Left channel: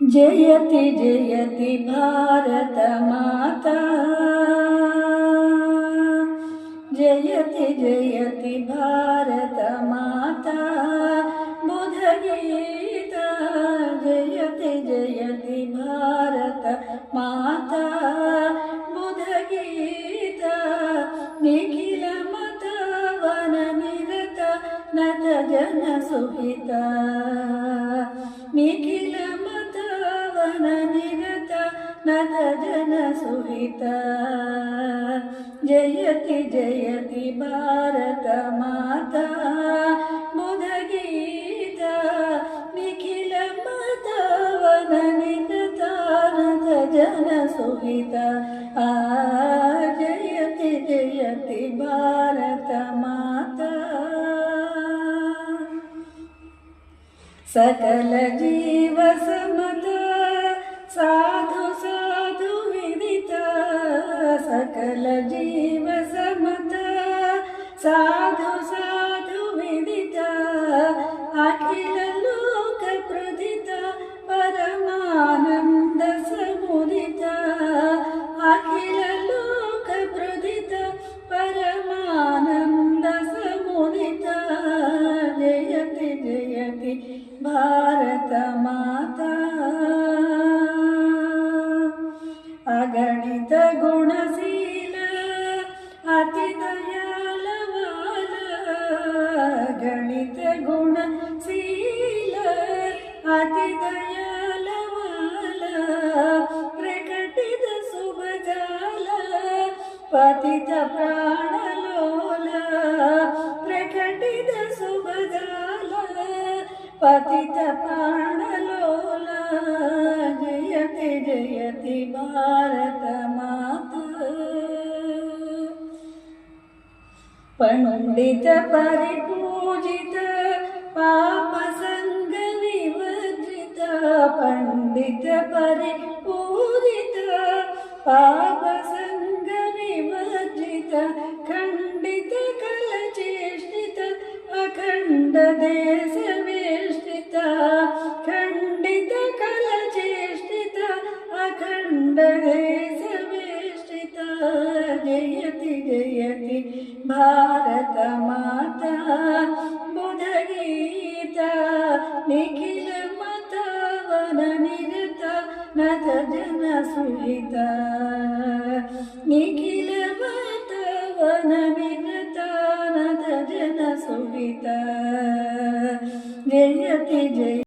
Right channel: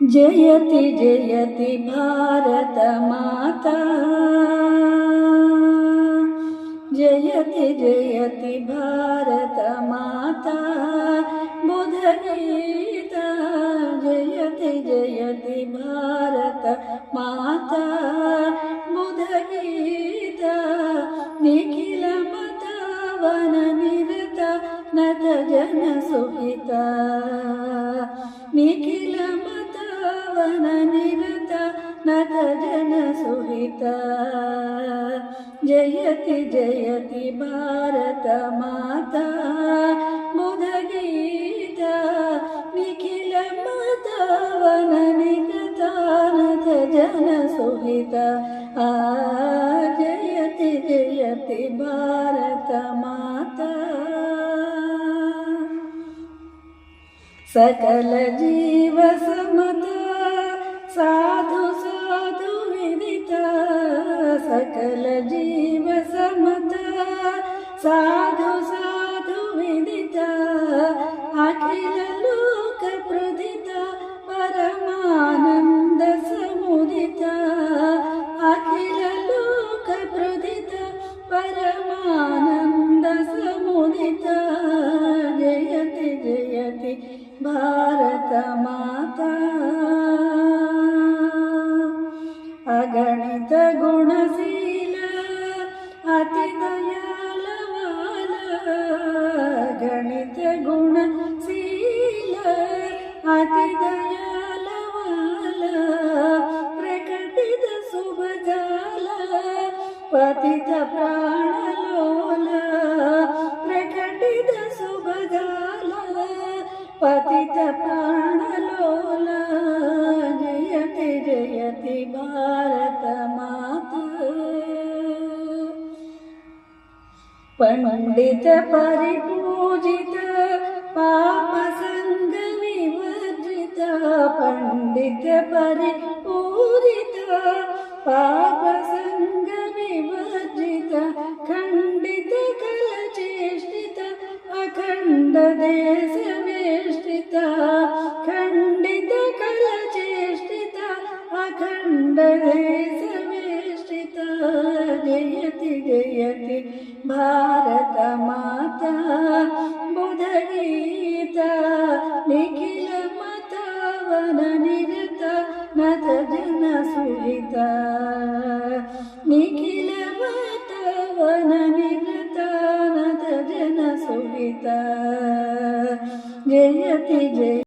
जयति जयति भारत माता, जयति जयति भारत माता। बुध गीता जयति जयति भारत माता। बुध गीता निखिल मत वन निरत नत जन सुहिता। निखिल मत वन निरत नत जन सुहिता। जयति जयति भारत माता। बुध गीता निखिल मत वन निरत नत जन सुहिता। जयति जयति भारत माता। सकल जीव समता साधु साधु विदिता। सकल जीव समता साधु साधु विदिता। अखिल लोक प्रदिता परमानंद समुदिता। अखिल लोक प्रदिता परमानंद समुदिता। जयति जयति भारत माता। अगणित गुणशील अति दयालवाल। गणित गुणशील अति दयालवाल। प्रकटित शुभजाल पतित प्राणलोल। प्रकटित शुभजाल पतित प्राणलोल। जयति जयति भारत माता। पंडित परिपूजित पाप संग विवर्जित। पंडित परिपूजित पाप संग विवर्जित। खंडित कल चेष्टित अखंड देश वेष्टित। खंडित कल चेष्टित अखंड देश वेष्टित। जयति जयति भारत माता। बुध गीता निखिल मत वन निरत नत जन सुहिता।